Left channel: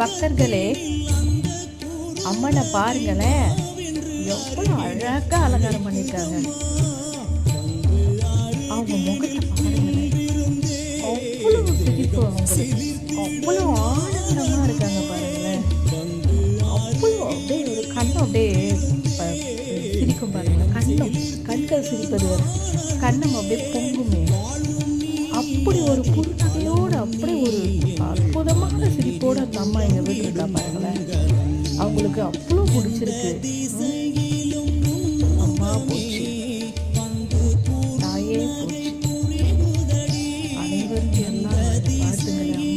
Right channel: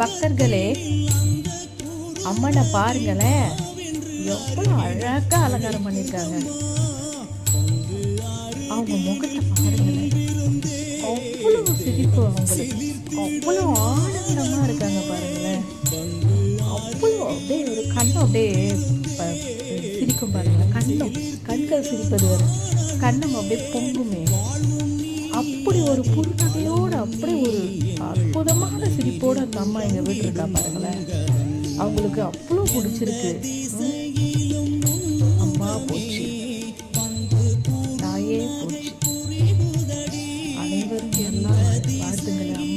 பக்தர்களே, அம்மனை பாருங்களேன், எவ்வளோ அழகா அலங்காரம் பண்ணியிருக்காங்க. அவங்க முகத்தை பாருங்களேன், அவ்வளவு சிரிப்பு அவங்களுக்கு, அவ்வளோ ஆனந்தமா இருக்காங்க பாருங்களேன். அவ்வளோ அப்படியே ஒரு கண்ணம் அப்படியே சிரிக்கும் பாருங்களேன். கண்கள் சிரிப்பது வரை கண்ணம் அப்படியே பொங்குமே. அப்படி ஒரு புன்னகையோடு அப்படி ஒரு அற்புதமான சிரிப்போடு அந்த அம்மா எங்கள் வீட்டில் இருக்கா பாருங்களேன். அவங்களுக்கு அவ்வளோ பிடிச்சிருக்கு. அம்மா போச்சு, தாயே போச்சு, அனைவரும் எல்லாரும் வாழ்த்துங்களேன்.